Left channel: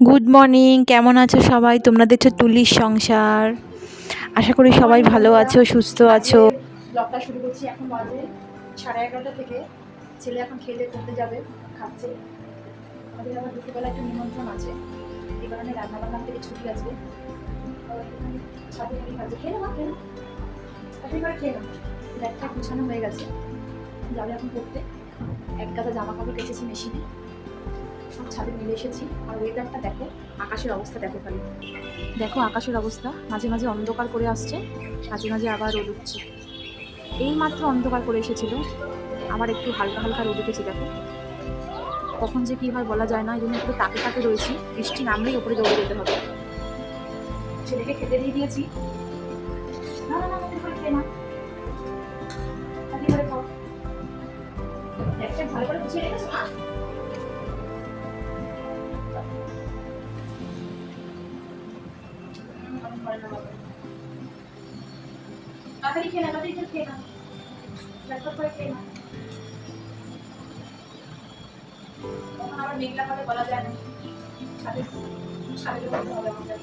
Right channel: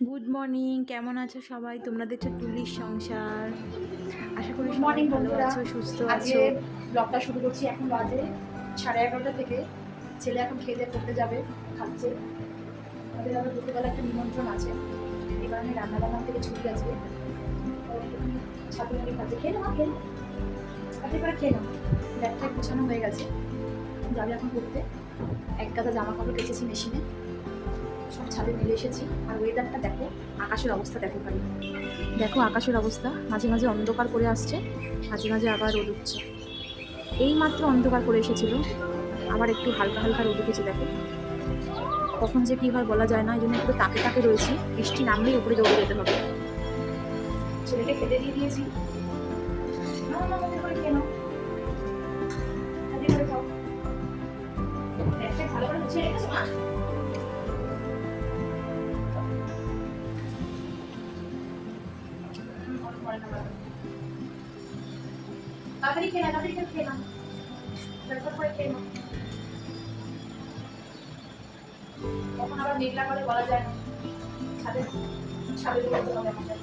Good morning, কেমন আছো সবাই? তোমরা দেখছো তুলির সংসার। আশা করি সবাই মর্নিং ভালো বন্ধুরা। আছো, সুস্থ আজকে আছো। ব্লগটা শুরু করছি। এখন বাজে 11:30 থেকে। ছেলে এখন খেয়ে দিয়ে পড়তে যাবে, খাচ্ছে। আমাদের আবার দুপুরবেলা একটা নিমন্ত্রণ আছে, এই কারণে রান্নাবান্না থেকে ছুটি আছে। ছাদে মুড়ি খাচ্ছে। খেয়ে না খেয়ে না আপনি করে খেয়ে না। ব্যাগটা গুছানো হয়ে গেছে, যাবে এখন পড়তে। এক গাদা জামা কাপড় কেচেছি মেশিনে, সব ছাদে মিলে এসেছি। আর ওয়েদারটা দেখো, আকাশের অবস্থা দেখো খালি। দেখো আকাশের অবস্থা, মাঝে মাঝে অন্ধকার করে আসছে, মাঝে মাঝে আবার রোদ উঠছে। এই মাত্র অন্ধকার করে এসেছিল, আবার একটু হালকা হালকা রোদ উঠেছে। দেখো কখন যে কি হয় বলা যায় না, এই জন্য পুরো তাকে তাকে রয়েছি। বৃষ্টি নামলেই ওপরে দৌড়ে যেতে হবে। ছেলেকে খেতে দিয়ে দিয়েছি। না না না, হাতে করে খেয়ে নাও, হাতে করে খাও। একটা ভালো করে গুছিয়ে রেখেছো মা? তাড়াতাড়ি খেয়ে না, তাড়াতাড়ি খেয়ে না, ঝটপট করে খেয়ে নাও। তখন আবার মেঘলা করে বলা যায় না, ছাদে ছাদে দৌড়াতে হবে আমাদের।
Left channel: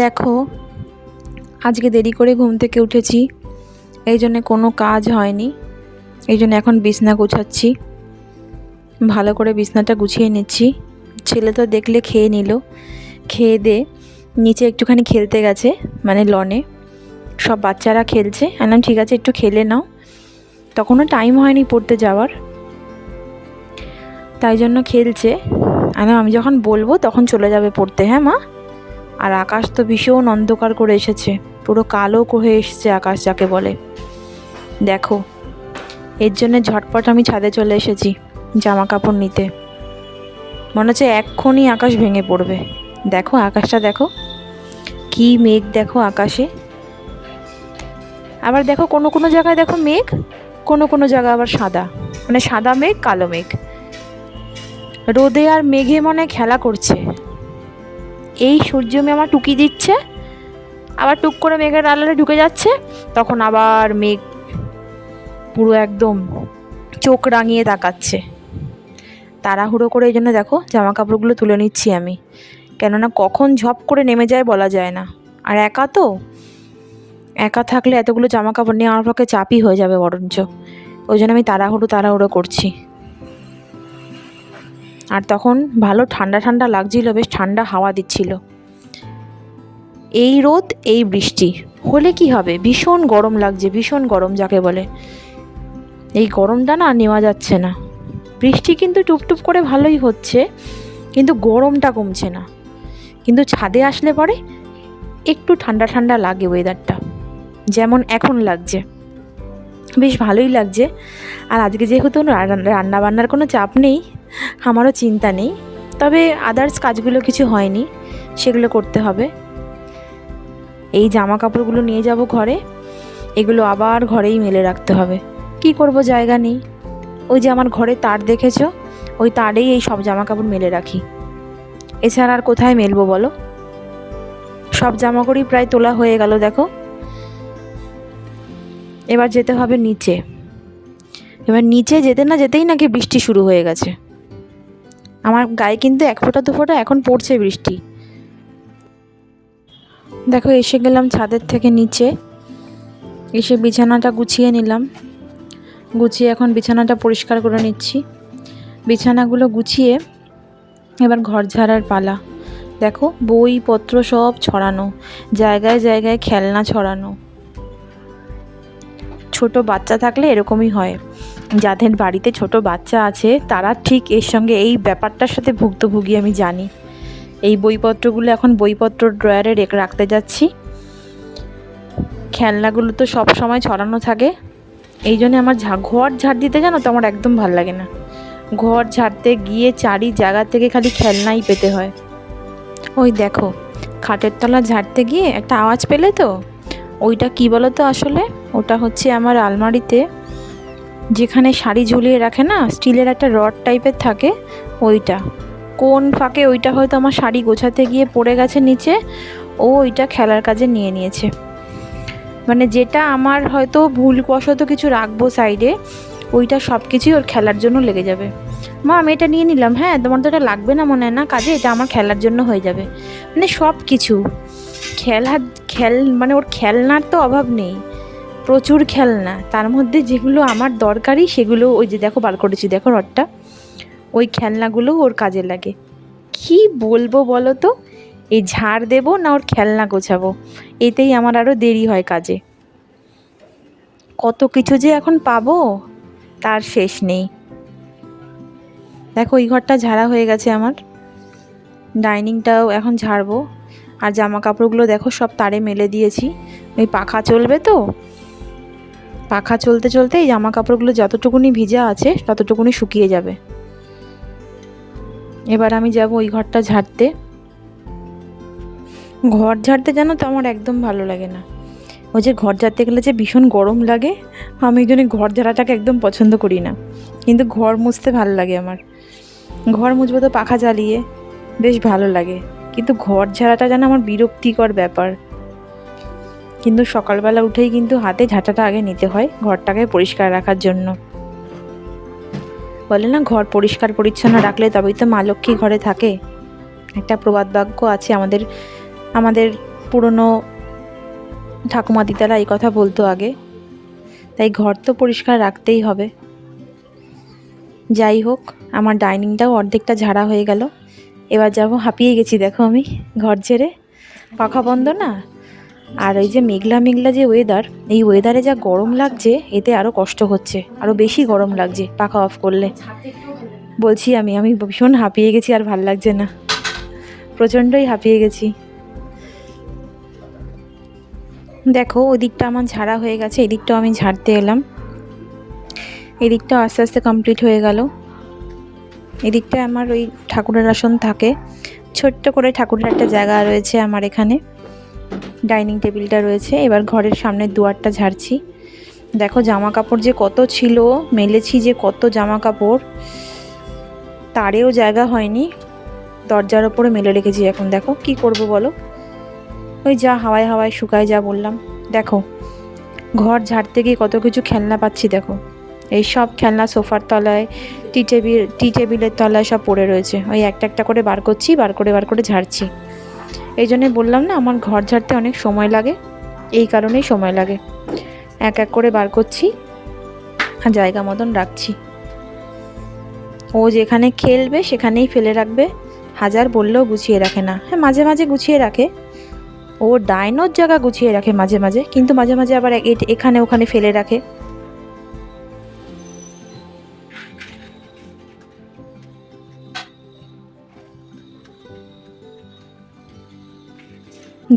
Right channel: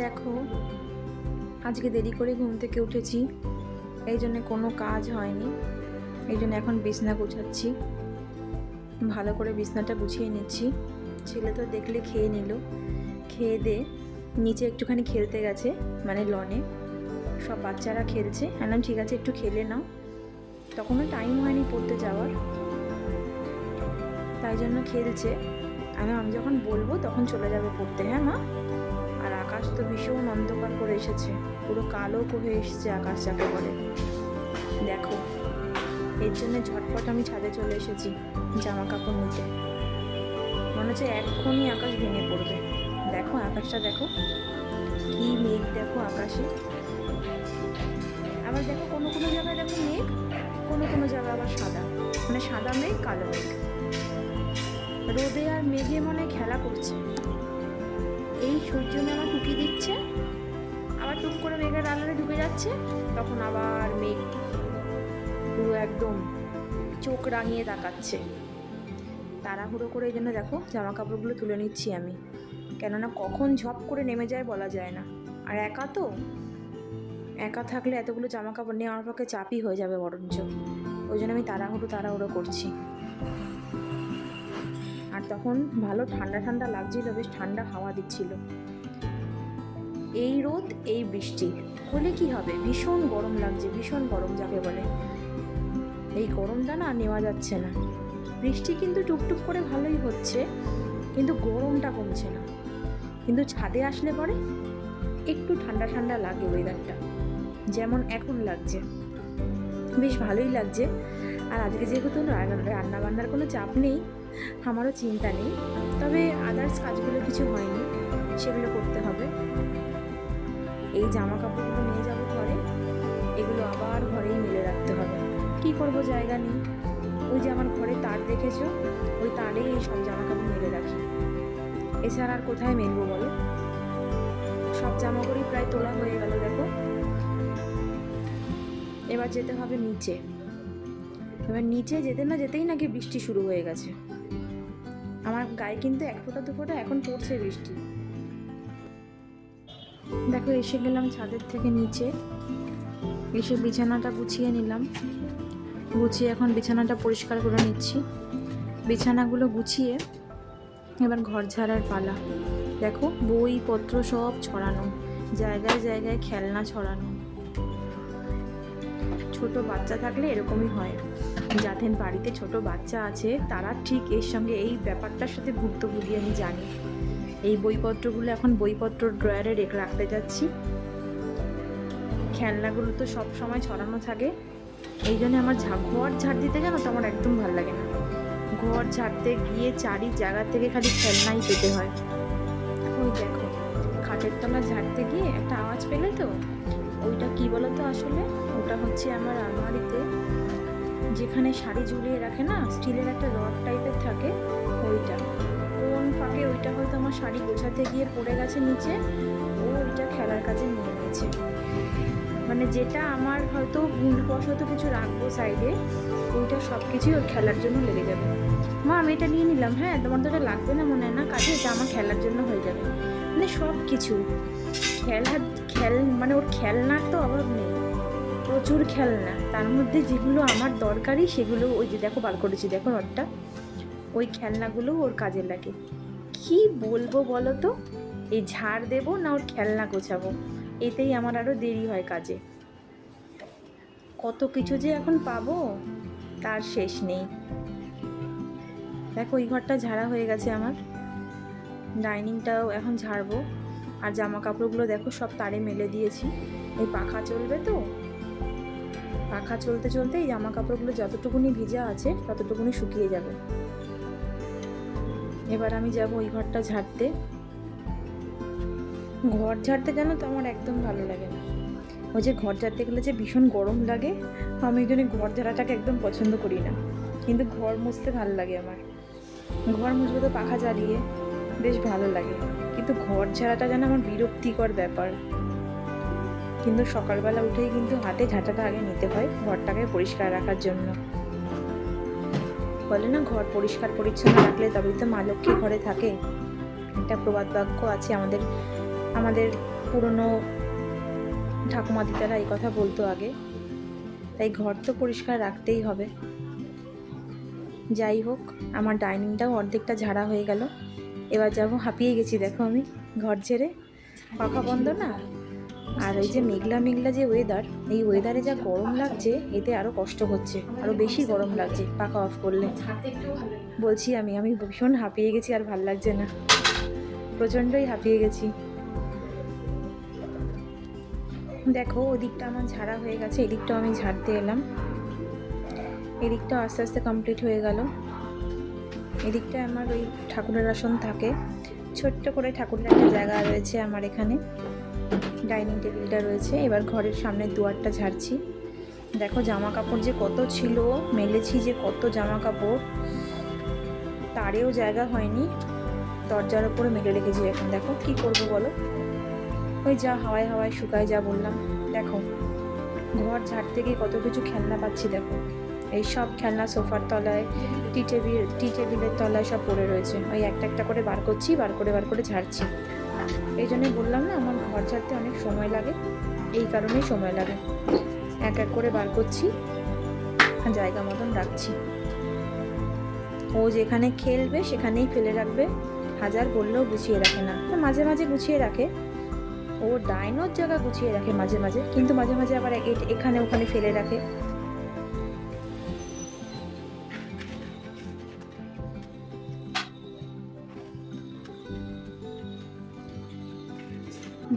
দেখো, আজকে দেরি করে ঘুম থেকে উঠেছি, এই জন্য কোনো কাজ হয়নি। এই জন্য এখন বিছনা গুছাচ্ছি, ভালো করে বিছনাটা গুছিয়ে নিচ্ছি। ছেলে তো দেখলে খেয়ে নিল, খেয়ে দে নিচে একটুখানি খেলতে গেছে, মানে লনে সব বাচ্চারা খেলছে। আমি ঠিক আছে, একটু খেলে নাও। তখনও টাইম হয়নি পড়তে যাওয়ার, তাই জন্য খেলছে। আমি যখন বলবো তখন চলে যাবে পড়তে। হ্যাঁ মা? আর আকাশ তো ভীষণ অন্ধকার করে এসেছে, পুরো কালো হয়ে এসেছে আকাশ যাকে বলে। দেখো, এর জন্য ঝটপট আমি ছাদে চলে এসেছি জামা কাপড় নিতে। মনে হচ্ছে এক্ষুনি আকাশ ভেঙে পড়বে। দেখো আকাশটা দেখো, কি মেঘ দেখো আকাশে। আবার দেখো কোনো কোনো জায়গায় দেখো মেঘ, কোনো কোনো জায়গায় আবার সাদা, মানে সাদা মেঘ কালো মেঘ। রোদে আর মেঘে মনে খেলা করছে। এই সূর্যমি আমার টুকি দিচ্ছে, আবার টুক করে মেঘের আড়ালে ঢুকে যাচ্ছে, তখন আবার মেঘ পুরো একদম চোখ রাঙিয়ে তাকাচ্ছে। তাড়াহুড়ো করে এই জন্য দেখো জামা কাপড়গুলো তুলে নিচ্ছি আমি, কেননা কখন ঝপ করে নেমে যায় বলা যায় না। আর একা তো, একা থাকলে এতগুলো জামা কাপড় নিয়ে আমার পক্ষে চাপই হয়ে যাবে বরঞ্চ। ওই জন্য আমি তাড়াহুড়ো করছি। আর তখন ভালো ঠান্ডা ঠান্ডা লাগছিল, বেশ ঠান্ডা হাওয়া দিচ্ছিল। এই রোদ এই বৃষ্টি হলে কি হবে, ভীষণ গরম লাগছে, ভীষণ গরম যাকে বলে। এই গরমটা না নেওয়া যাচ্ছে না। বৃষ্টি কিন্তু টুপটুপ করে ভালোই হচ্ছে, কিন্তু গরমটা কমছে না। কিন্তু ছাদে আসলে পরে একটু ঠান্ডা ঠান্ডা লাগে ওয়েদারটা, যেমন এখন লাগছে, বেশ ভালোই লাগছে। আর আজকে যেহেতু রান্না বান্নার কোনো চাপ নেই, আমারও চিন্তা নেই। তবে আদার্স কাজগুলো কিছু হয়নি, সেগুলো করতে হবে। এই জামা কাপড়গুলো নিয়ে যাব ঘরে, এগুলো আবার ঘরেই মেলে রাখতে হবে। কি করব, জায়গা নেই। ওই যে আমার ঘরে তার দেখেছো, ওই তারেই এই সব জামা কাপড় মেলে রাখি। এছাড়া আর কোথায় মেলবো বলো? সব জামা কাপড়ই প্রায় তোলা হয়ে গেল দেখো। এবার যেতে হবে নিচে। এবার নিচে যেতে না যেতেই নাকি বৃষ্টি শুরু হয়ে গেছে। আমার গায়ে কিন্তু এক ফোঁটা দু ফোঁটা এখন পড়ছে বৃষ্টি। দেখো এসে গেলাম ছাদের থেকে নিচে, এসে বিছানাটা গুছিয়ে নিলাম। গুছিয়ে এখন বিছানাটা পরিষ্কার করে নিচ্ছি। বিছানাগুলো গুছিয়ে এবার ঘর ঝাড়ার পালা। দেখো বইপত্র সব ছড়ানো, জায়গায় জায়গায় খেলনা ছড়ানো। ছোট বাচ্চা থাকলে এরকমই হয়। যাদের বাড়িতে ছোট বাচ্চা আছে তারা ঠিক এর সঙ্গে এই ব্যাপারটার সাথে ভুক্তভোগী, আমি জানি। এই বইপত্রগুলো এখন বইপত্র ড্রয়ারে রাখতে যাচ্ছি। খেলনাগুলো তো সব সময় ছড়ানো থাকে, এই জন্য আমার ঘর ঝাড় দিতে জানো তো আমার একদম ভাল লাগে না। ঘর ঝাড়তে গিয়ে চারি জায়গা থেকে খালি খেলনাই পেতে হয়। ওই দেখো খাটের তলা ঝাড়তে গিয়ে একটা আওয়াজ পেলে তো, ওইটা কি বলো তো আসলে? ওটা হচ্ছে আমার আলমারিতে যেখানে শাড়ি ঝুলিয়ে রাখে না, স্টিলের একটা রড টাইপের থাকে, ওইটা কোন ফাঁকে ওইটা হয়তো আমার শাড়ি গোছাতে গিয়ে পড়ে গেছে নিচে, ও ওইটা খেলার কাজে নিয়ে নিয়েছে। মানে যেটা আমার হয়তো ভুলবশত কিছু রাখবো সাইডে, ওইটা সব কিছুই ওর খেলার জন্য লেগে যাবে। মা আমি এটা নিয়ে নিলাম, হ্যাঁ তোমার তো এটা লাগবে না মনে হয় না কাজে, এটা আমার খেলার জন্য হয়ে যাবে। মানে সব কিছু মানে ওর খেলনার তো অভাব নেই, প্রচুর খেলনা। তার মধ্যে যেগুলো আমার দরকারি সেগুলো ওই যে দেখো বার করেছি, দেখো রডটা, ওই খেলনাগুলো ওর কাজে লাগে। কি বলবো বলো তো, এই ঝাড় দেবো না ওর খেলনা গোছাবো, এতেই আমার আরও দেরি হয় কাজে। কত কিছু যে এখন পাবো তার শেষ নেই। দেখো এই ঘরটা ঝাড়া হয়ে গেছে আমার, ডাইনিংটাও এখন ঝাড়বো। আর জামা কাপড়গুলো দেখো সব তারে মেলে দিয়েছি, ওই পাখা চলবে তো, পাখা চলতে চলতে এই জামা কাপড়গুলো যতটুকুনি ভিজা আছে ততটুকুনি শুকিয়ে যাবে। এবার আমি যাব ওই ঘরটা ঝাড়তে। ঘর ঝাড়তে জানো তো আমার একদম ভালো লাগে না, ওই যে ঘর ঝাড়তে গেলে যে ভীষণ গরম লাগে, আমি ওই জন্য ঘর ঝাড়াটাকে একদম পছন্দ করি না। কিন্তু ঘর মুছতে ভালো লাগে আমার, ঘর মুছবো তো পাখা চালিয়ে, বেশ ভালো লাগে। কিন্তু ঘর ঝাড়াটা যেন আমার বিরক্তিকর ব্যাপার। কিন্তু সকালবেলা উঠেই কিন্তু হাতে ঝাঁটাটা আগে নিতে হয় ঘরটাকে পরিষ্কার রাখার জন্য। বলে না ঘর পরিষ্কার পরিচ্ছন্ন রাখলে তবেই তো মা লক্ষ্মী ঘরে থাকে, একটা প্রবাদ বাক্য আছে আমাদের পুরনো ঠাকুমা দিদারা এই কথা বলতো আগে। তাই ঘর তো পরিষ্কার রাখতেই হবে। যাই হোক, আমার ডাইনিংটাও অর্ধেকটা ঝাড়া হয়ে গেল। এবার যাব, হাঁপিয়ে গেছি দেখো আমি ঘর ঝেড়ে, পাখা বন্ধ না। আর ওই যে মেঘলা মেঘলা যে ওয়েদার, এই ওয়েদারে যা গরম লাগছে, এতে আরও কষ্ট হচ্ছে, আরও বেশি গরম লাগছে পাখা অফ করলে। বলছি আমি ভীষণ হাঁপিয়ে গেছি, আর ভাল লাগছে না, প্রচণ্ডই হাঁপিয়ে গেছি। দেখো ওই দিকটা আমার ঝাড়া হয়ে গেছে, এদিকটাও আমি ঝাড়তে এলাম। এদিকটাও আস্তে আস্তে কমপ্লিট হয়ে গেল। এদিকটায় আমার ওই ঠাকুরের আসন থাকে, ছোট্ট করে ঠাকুরের একটা জায়গা রয়েছে আমার এখানে, ডাইনিং টেবিলটা রয়েছে। এবার ঘরের সামনের দুয়ারটা ঝাড়ছি। দেখো জামা কাপড় যে কত ছিল, মেলেছি যে কত জামা কাপড়, তারেও জায়গা হয়নি, দরজার ওপরে মেলে রেখেছি। এখন দেখো কি করব বলো, ওই যা হাওয়ায় হাওয়ায় শুকায় যা বললাম। দেখো ঘর ঝাড়তে গিয়ে কত কিছু খেলনা পাচ্ছি, দেখো এই সব খেলনা সোফার তলায়, টি টেবিলের তলায় সব পড়ে রয়েছে। ওই একটা একটা করে বার করছি, বার করে ঝাড়ছি। এই জন্যই বললাম না আমার ঘর ঝাড়তে অনেক সময় লাগে, এই কারণেই সময় লাগে। এক এক করে বার করছি আর জায়গা মতন রাখছি। ও যেখানে খেলবে সেখানেই ফেলে রাখবে, হাজার বললেও গুছিয়ে রাখে না। হ্যাঁ মাঝে মাঝে গুছিয়ে রাখে, ও ডাইনোর জায়গা গুছিয়ে রাখে মাঝে মাঝে, কিন্তু মাঝে মাঝে আবার এখানে ওখানে ফেলে রাখে।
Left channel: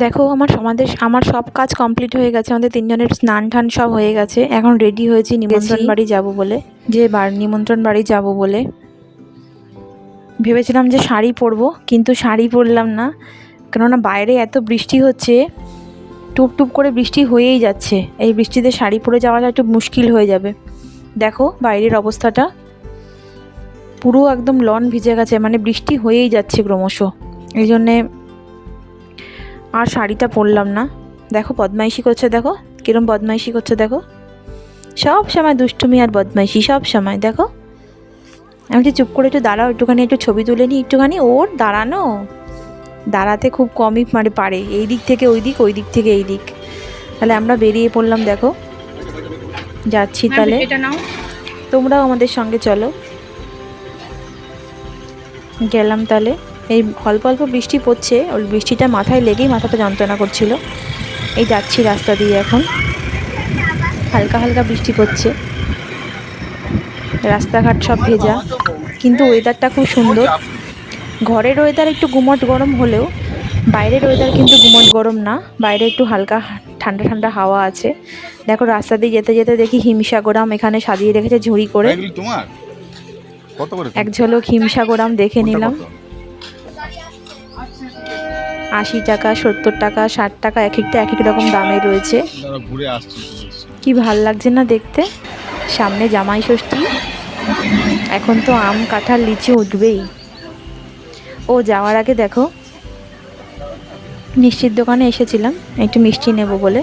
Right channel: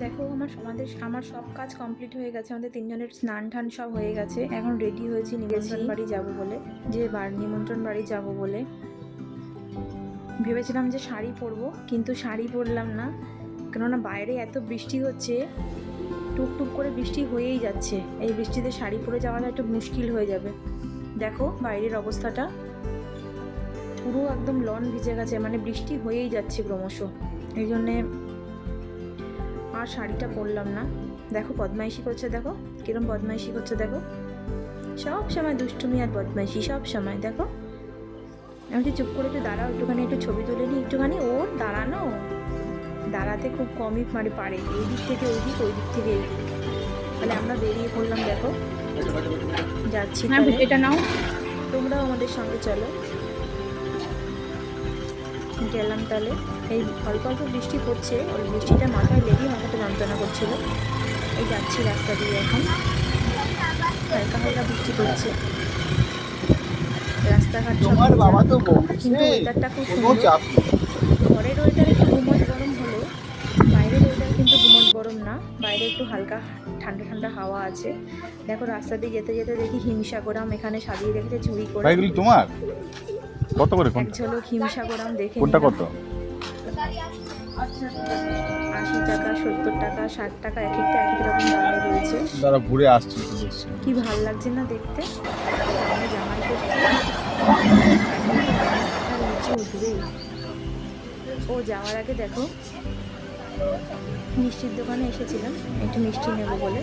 দেখো আমার সব কাজ কমপ্লিট হয়ে গেছে, আমাদের তিনজনের স্নান টান সব হয়ে গেছে। এখন রেডি হয়েছি নিমন্ত্রণ বাড়ি যাব বলে, নিমন্ত্রণ বাড়ি যাব বলে ভেবেছিলাম যে শাড়ি পরবো, কিন্তু শাড়ি পরলাম না, কেননা বাইরে এত বৃষ্টি হচ্ছে, টুপ টুপ করে বৃষ্টি হয়েই যাচ্ছে। এই বৃষ্টিতে শাড়ি পরে যাওয়াটা একটু মুশকিল হয়ে যাবে। দেখো বাইরের অবস্থাটা পুরো একদম লন ভিজে গেছে, মানে বৃষ্টি হয়েই যাচ্ছে ক্রমশ, এই জন্যে আর শাড়িটা পরলাম না। দেখো বদমাইশি করছে, দেখো কিরম বদমাইশি করছে, দেখো সব সময় দুষ্টুমি আর বদমাইশি সব সময়। দেখো আমি যে চুপ করে একটু দাঁড়াও, একটুখানি একটু ছবি তুলে নিই একটুখানি, ওর দাঁড়াতে খুব কমই মানে পারে, এই দিক থেকে ওই দিক, ওই দিক থেকে এই দিক। তাহলে আমরা বেরিয়ে পড়লাম, দেখো যাচ্ছি। তাহলে এটা নাও, তোমরাও আমাদের সঙ্গে চলো। গেলাম তাহলে। এই অল্প অল্প বৃষ্টি পড়ছে, ওই বৃষ্টিটা মাথায় লেগেই মাথাটা যন্ত্রণা করছিল। এই যাচ্ছি রাস্তা দিয়ে, এখন হালকা হালকা বৃষ্টি পড়ছে, রাস্তাঘাট সব ভেজা, কিন্তু ওয়েদারটা খুব সুন্দর। ঘরের ওয়েদার একটু গুমট গরম হলেও বাইরের ওয়েদার কিন্তু গুমট গরম না, বাইরে একটু হালকা ঠান্ডা ঠান্ডা হাওয়া আছে। দেখো রাস্তা দিয়ে যেতে যেতে দেখি হিমসাগরাম এখানে সাজিয়ে রেখেছে ঝুড়ি করে, এক ঝলক হিমসাগরাম দেখে নিলাম। 80 টাকা, 70 টাকা, 60 টাকা, এক একটা এক এক রকম দামে রয়েছে। কি ভাল লাগছে না দেখতে। সামনে জামাই ষষ্ঠী, এখন তো আম কাঁঠাল লিচু উঠবেই। ও যাওয়ার আগে দেখো মিষ্টির দোকানে এসেছিলাম একটু মিষ্টি নেব বলে,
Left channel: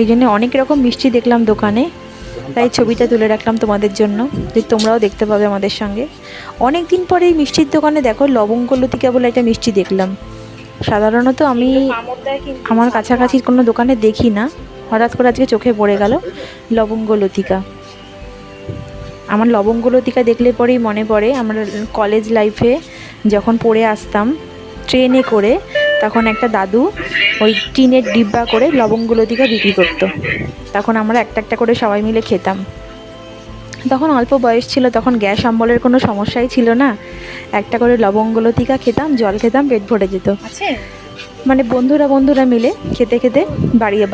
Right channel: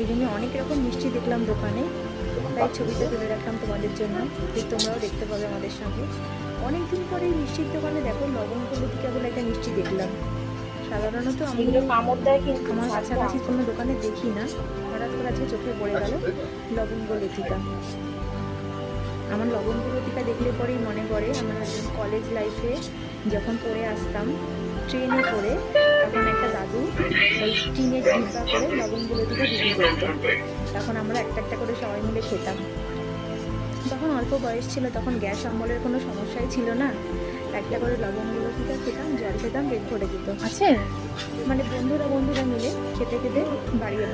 এই জন্য অনেক রকম মিষ্টি দেখলাম দোকানে, তাই ছবিটা তুলে রাখলাম তোমাদের জন্য, যে তোমরাও দেখতে পাবে আমাদের সঙ্গে। অনেক দিন পরে এই মিষ্টির দোকানে দেখো লবঙ্গ লতিকা বলে একটা মিষ্টি দেখলাম। সাধারণত আমি আমার কাছাকাছি কোনো দোকানে দেখি না, হঠাৎ করে আজকে চোখে পড়ে গেল লবঙ্গ লতিকা। আমার লবঙ্গ লতিকা দেখলে পরেই মনে পড়ে আমার কলেজ লাইফে যখন পড়ে আসতাম ট্রেনে করে, তখন একটা দাদু ওই টিনের ডিব্বা করে লবঙ্গ লতিকা বিক্রি করতো। তখন আমরা একটা একটা করে সবাই মিলে খেতাম। তখন অল্প বয়স ছিল, তখন গ্যাস অম্বলের কোনো সমস্যাই ছিল না। একটা করে লবঙ্গ লতিকা খেতাম, জল খেতাম, পেট ভরে যেত। আছে মানে বন্ধুরা মিলে খেতে খেতে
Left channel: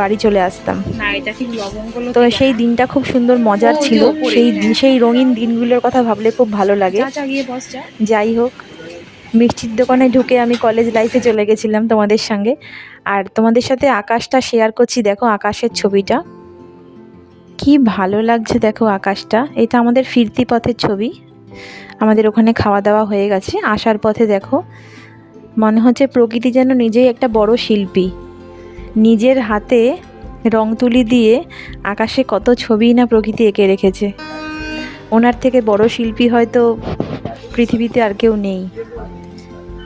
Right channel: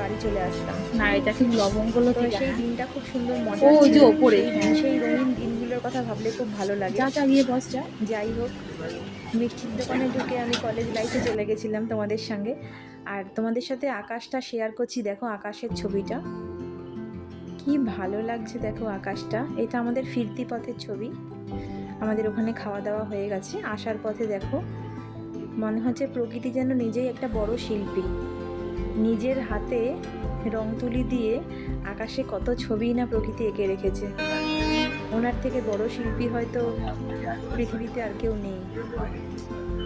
বাড়ি চলে আসতাম। না, এটা ঠিক লবঙ্গ তো সেই দিনটা খুব সুন্দর মজার ও, যে ছিল। ওপরে, সেই হ্যাঁ। সেই রঙিন দিনগুলোর কথা ভাবলে খুব ভালো লাগে। যা গিয়ে বস যা। যাই হোক, মিষ্টির দোকানে ঢুকে আমি কলেজ লাইফে চলে গেছিলাম তোমাদের সঙ্গে। আর তোমাদের সাথে আকাশটা শেয়ার করছি, দেখো আকাশের ছবিটা কি ভালো লাগছে। দেখো আকাশটা, এটা আমাদের ফিরতি পথের ছবি। আমাদের ওখানে খাওয়া দাওয়া হয়ে গেছে, আসার পথে দেখো মনে হচ্ছে প্রকৃতি যেন নিজেই একটা বড় শিল্পী, নিজের হাতে রং তুলি দিয়ে আকাশে কত ছবি না প্রকৃতি এঁকে রেখেছে। ওনার থেকে বড় শিল্পী হয়তো পৃথিবীতে আর কেউ নেই।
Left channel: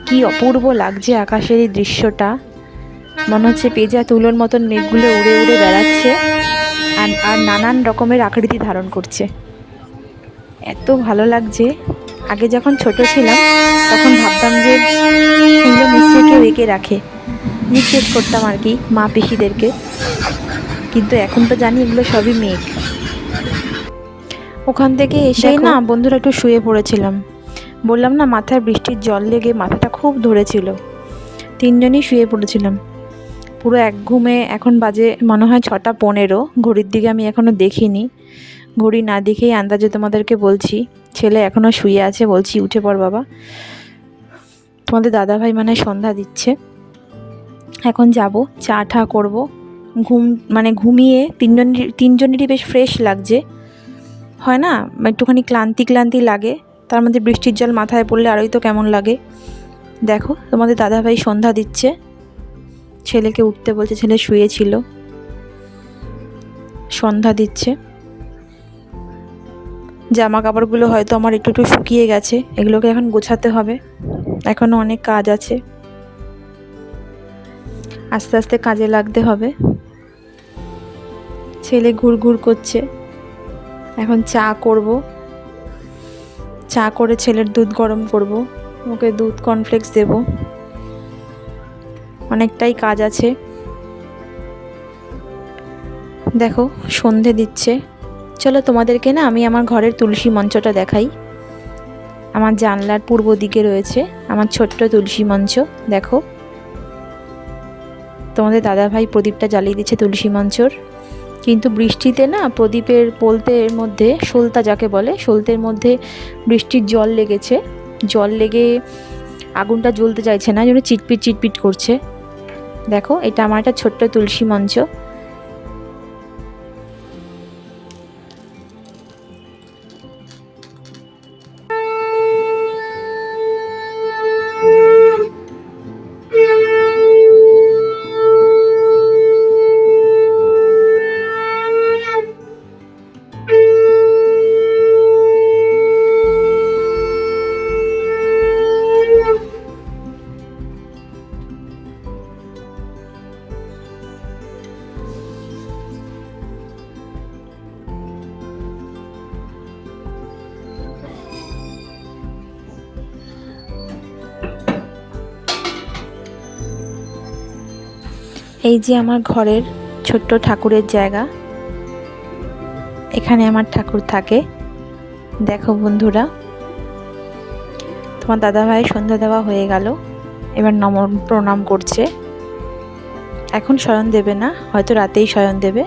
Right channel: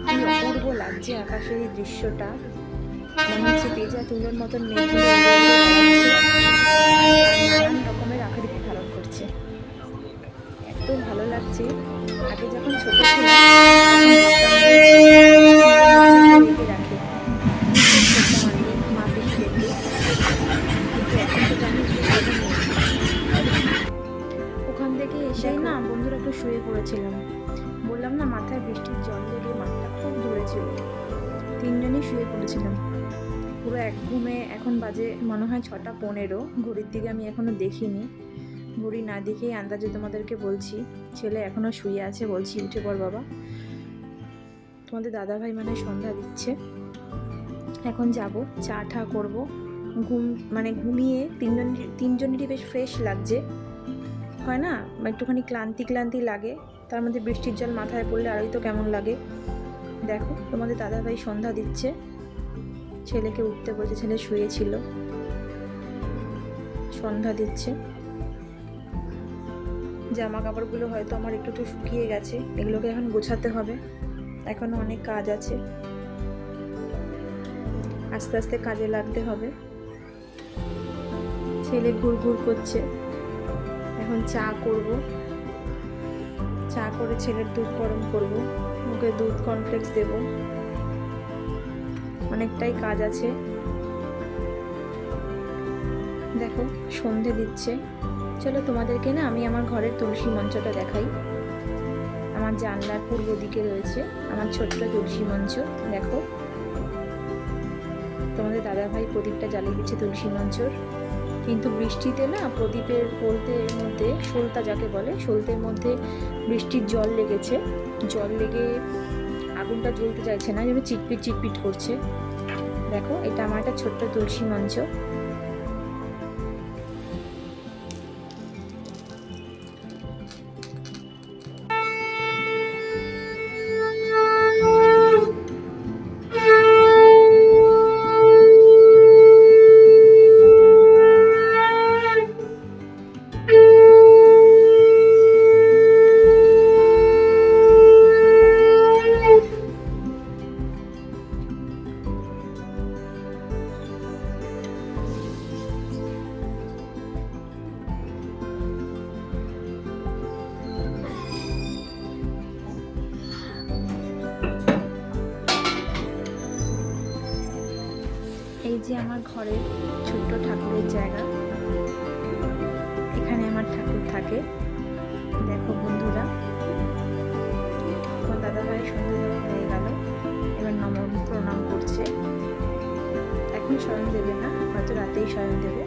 কি অপূর্ব লাগছে আকাশের এই দৃশ্যটা, মনে হচ্ছে পেঁজা তুলোর মতন মেঘগুলো উড়ে উড়ে বেড়াচ্ছে আর আর নানান রকমের আকৃতি ধারণ করছে। এত ভালো লাগছে। আগে যখন ছোট ছিলাম তখন ভাবতাম যে এগুলো নিশ্চয়ই কেউ এঁকে রাখে, জিজ্ঞেস করতাম আর কি মা পিসিদেরকে, কিন্তু এখন তো জানি এগুলো সবই মেঘ। ওখান থেকে এসেই না বন্ধুরা একটু শুয়ে পড়েছিলাম। বললাম না মাথায় বৃষ্টির জল লেগে মাথাটা খুব ধরেছিল। তিনজনই শুয়ে পড়েছিলাম পুরো এক ঘুমে। এখন বাজে মনে হয় 6:15, ঘড়ির দিকে আমি এখনও দেখিনি। ঘড়ি না দেখেই আন্দাজে তোমাদেরকে বলছি, ছেলে এখনও শুয়ে আছে, বলছি উঠে পড় বাবা। তোমাদের দাদাভাই মানে সন্ধ্যা দিচ্ছে। এখন যাব, চা ঠা করবো, ঘুমিয়ে তিনজনেরই বেশ ফ্রেশ লাগছে, হয় না একটুখানি ক্লান্তি লাগে, তার মধ্যে বৃষ্টির জল মাথায় পড়লে আরোই তো কেমন লাগে। দেখো তোমাদের দাদাভাই সন্ধ্যা দিচ্ছে, ছেলেকে উঠতে বলছে, ছেলে শুয়েছিল, সন্ধ্যা দিচ্ছে। জামা কাপড়গুলো হয়তো আমার একটু একটু শুকিয়ে গেছে, এগুলোকে এখন গোছাতে হবে, এখনও অনেক কাজ আছে, আস্তে আস্তে কাজে লাগতে হবে। ছেলে ঘুরঘুর করছে, এখন চা করব, চা করে ছেলের দুধ গরম করব, ওকে দুধ কর্নফ্লেক্স দেব, অনেকটাই কাজ আছে। দেখো সন্ধে দিচ্ছে, চলো তোমাদেরকে না আমি আমার ঘরের তুলসী মঞ্চটা দেখাই। আমার জানলার পূর্ব দিকে রয়েছে আমার ছোট্ট তুলসী মঞ্চ। দেখো তোমাদের দাদাভাই প্রদীপটা জ্বালিয়ে দিচ্ছে তুলসী মঞ্চর, কিন্তু বৃষ্টিতে না প্রদীপের পোলতের মধ্যে, সলতা যাকে বলে, সলতের মধ্যে বৃষ্টির জল লেগেছে, জল লেগে আগুনটা জ্বলতে চাইছে না, যেন চিটপিট করছে। দেখো এটা আমার একটা ছোট্ট তুলসী মঞ্চ। এই যে আমার ঘরের ছোট্ট ঠাকুরের জায়গা, এখানে আমার ঠাকুর থাকে। দেখো বন্ধুরা, তোমার দাদাভাই সন্ধ্যা দেওয়া হয়ে গেল, এবার প্রণাম করছে। এখন শয়ন দেবে না, হয়তো রাতেই শয়ন দেবে।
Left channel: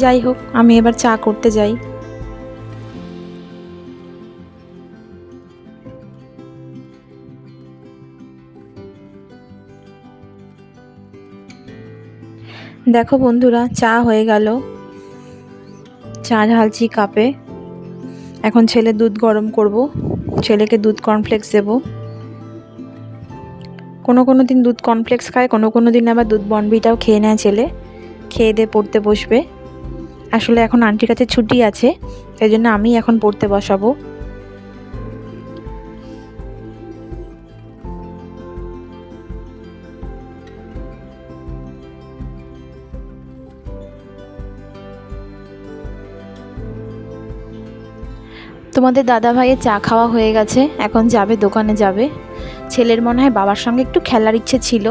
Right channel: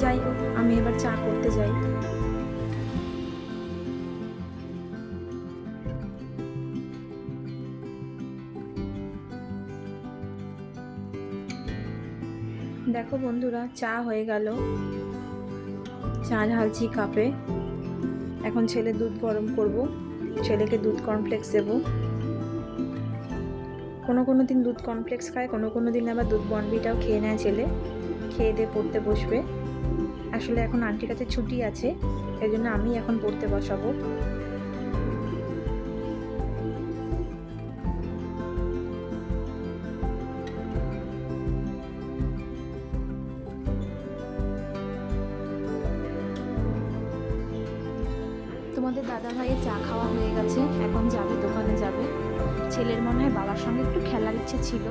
যাই হোক, আমি এবার চা করতে যাই। দেখো বন্ধুরা, চা হয়ে গেল, চা ঢালছি কাপে। এখন ছেলে দুধ গরম করব, ছেলেকে দুধ কর্নফ্লেক্স দেব। কোনো কোনো দিন দুধ কমপ্লেক্স খায়, কোনো কোনো দিন আবার দুধ বনবিটাও খেয়ে নেয় ছেলে। খেয়ে দিয়ে পড়তে বসবে। আসলে এখন আন্টির কাছে ছুটি আছে, তাই জন্য আমি এখন পড়তে বসাবো। তোমাদের দাদা ভাইয়ের চা খাওয়া হয়ে গেছে, এখন যাবে দোকানে যাবে। ছেলের মনে হয় বাবার সঙ্গে একটু খেলার ইচ্ছে ছিল।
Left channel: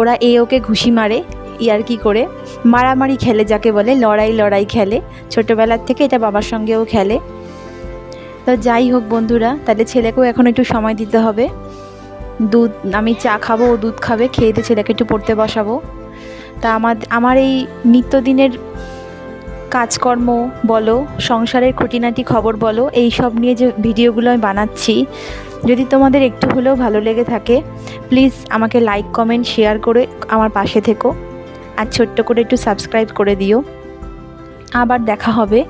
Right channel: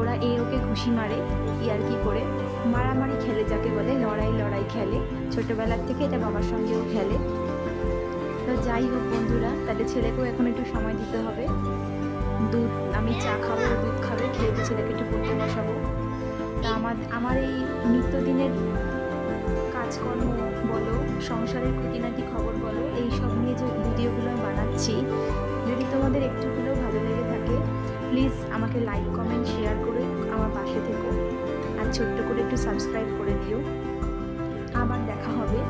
ওরা ওকে ঘুষি মারে, ইয়ার্কি করে, মারামারি খেলে, যাকে বলে লড়াই লড়াই খেলে। ছোটোবেলার থেকে এটা বাবার সঙ্গেও খেলে। তো যাই হোক বন্ধুরা, তাহলে ছেলেকেও এখন একটু সময় দিতে হবে। আমি চা খাবো, ও দুধ খাবে, খেয়ে দিয়ে ছেলেকে একটু পড়তে বসাবো। তা আমার এই নিত্যদিনের কাজকর্ম বলো, সংসারের খুঁটিনাটি খবর বলো, এই সব নিয়ে যে ভিডিওগুলো আমি বানাচ্ছি, যদি তোমাদের একটু হলেও ভালো লেগে থাকে, প্লিজ আমাকে লাইক কমেন্ট শেয়ার করে আমার পাশে থেকো, আর ছোট্ট করে একটু সাবস্ক্রাইব করে দিও। আবার দেখা হবে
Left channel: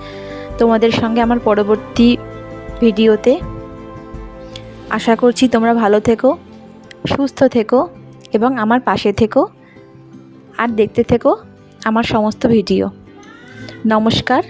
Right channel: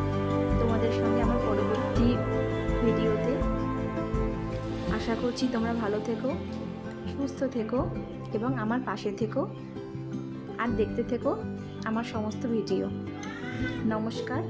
তোমাদের সঙ্গে আমার পরবর্তী ভিডিওতে। আশা করছি তোমরা ভালো থেকো, সুস্থ থেকো এবং আমার পাশে থেকো, আর দেখতে থেকো আমার সমস্ত ভিডিও। নমস্কার।